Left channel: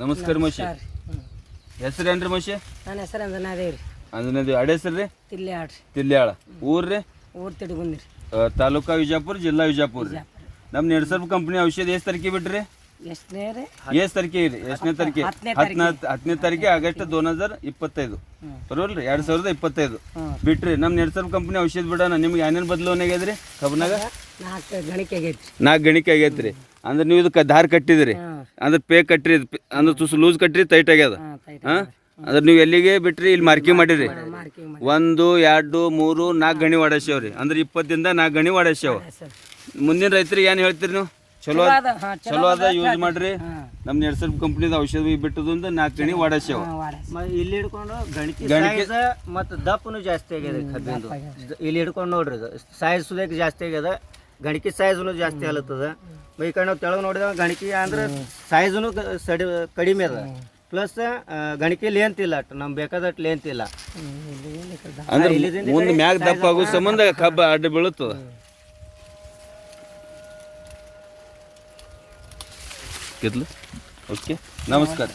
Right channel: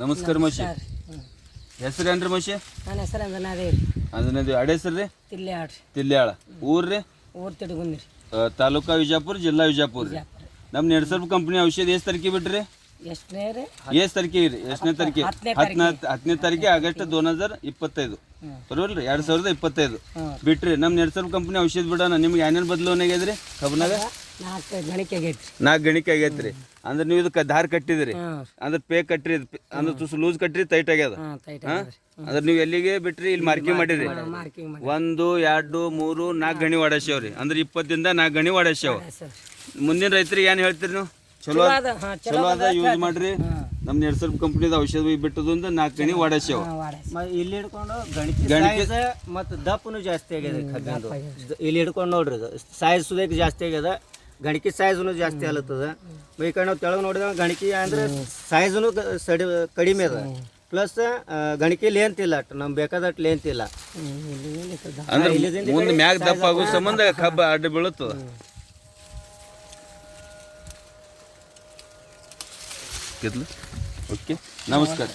ನಮಸ್ಕಾರ ಮಶಿ ಹೆಸರೇನ್ರಿ ಮಶಿ ನನ್ನ ಹೆಸರು ಅಂಜನಾದೇವಿ ರೀ. ಅಂಜನಾದೇವಿ ಅಡ ಹೆಸರು ರೀ ತಿಲ್ಯಾಳ ರೀ. ತಿಲ್ಯಾಳ ಊರ್ರಿ ಊರು ತಿಡ್ಗುಂದ್ರಿ. ತಾಲೂಕಾ ವಿಜಾಪುರ ಜಿಲ್ಲಾ ವಿಜಾಪುರ ರೀ. ನಮ್ಮ ನೆಡ್ಸರ್ಪ್ ಕಂಪ್ನಿ ಔಷಧ ಎಷ್ಟು ತಾರೀಕಿಗೆ ಬಿಟ್ರಿ? ಎಷ್ಟನೇ ರೀ? ಎಷ್ಟು ತಾರೀಕಿಗೆ ರೀ? ಎಷ್ಟನೇ ತಾರೀಕಿಗೆ? 10ನೇ ತಾರೀಕಿಗೆ ಆಗಸ್ಟ್ 2025 ಬರೋಲ್ರಿ 2025 ಬಿಟ್ರಿ. ನಮ್ಮ ನೆಡ್ಸರ್ಪ್ ಕಂಪ್ನಿ ಔಷಧ ಬಿಡೋಣ ನಿಮ್ಗೆ ಏನೇನು ಬದಲಾವಣೆ ಆಗ್ಯದ್ರಿ ಕಬ್ಬನಾಗ? 4 ಗಣಿಕೆ ಆಗೈತಿ. 4 ಗಣಿಕೆ ಆಗೈತ್ರಿ. ಅಂದ್ರೆ ನೀವು ಇದಕ್ಕೆ ದಾರ ಕಟ್ಟಿದ್ರಿ ಅಂದ್ರೆ ಪೇ ಕಟ್ರಿ ಅಂದ್ರೆ ತುಸು ಲೂಸ್ ಕಟ್ರಿ ಟೈಟ್ ಆಗ್ಯದ. ಅಂದ್ರೆ ನೀವು ಎಲ್ಲಿಗೆ ಬಿಟ್ರಿ? ಇಲ್ಲಿ ಮಾರ್ಕಿಂಗ್ ಮಾಡಿರಿ 1 2 3 4 ಗಣಿ ವಾಡಸ್ಯಾವ್ರಿ. ಅಂದ್ರೆ 20 ದಿಂದ 4 ಗಣಿ ವಾಡಸ್ಯಾವ. ಮುಂದಿನ ರೈತರಿಗೆ ಏನು ಹೇಳ್ತೀರಿ ನೀವು? ಚಲೋ ಅದ ಯೂಸ್ ಮಾಡ್ರಿ. ನಮ್ಮ ನೆಡ್ಸರ್ಪ್ ಕಂಪ್ನಿದ ಔಷಧ ಬಿಟ್ಟದಿಂದ 4 ಗಣಿ ವಾಡಸ್ಯಾವ. ಇಲ್ಲಿ ಹಿಡ್ಕೊಂಡು ಗಣಿಕೆ ಮತ್ತು ದಪ್ಪನು ಜಾಸ್ತಿ ಆಗ್ಯದ ಕಬ್ಬಿಂದು. ಇಲ್ಲಿ ಹಿಡ್ಕೊಂಡು ನೋಡ್ರಿ ಸೈಜ್ ಸುದೇಕ್ ಜಾಸ್ತಿ ಆಗ್ಯದ. ಗಣಿಕೆ ಸೈಜ್ನು ಜಾಸ್ತಿ ಆಲತ್ತದ. ಈ ಕಡೆ ನಾವು ತೆಳಗೆ ನೋಡಿದಾಗ ಗಣಿಕೆ ಅಂದ್ರೆ ಸೈಜ್ನು ಕಡಿಮೆ ಅದ. ಪ್ಲಸ್ ಗಣಿಕೆ ಲೇಂತ್ ಇಲ್ಲ, ನಮ್ಗೆ ಬೇಕಾದಟ್ಟು ಲೇಂತ್ ಇಲ್ಲ. ಅಂದ್ರೆ ಮುಂದೆ ಮ್ಯಾಗ ದಪ್ಪ ಆಗೋ ಸಂಬಂಧ ಕಬ್ಬ ಅಡ್ಡ ಬೀಳುತ್ತದ. ಓಕೆ, ನಮಸ್ಕಾರ.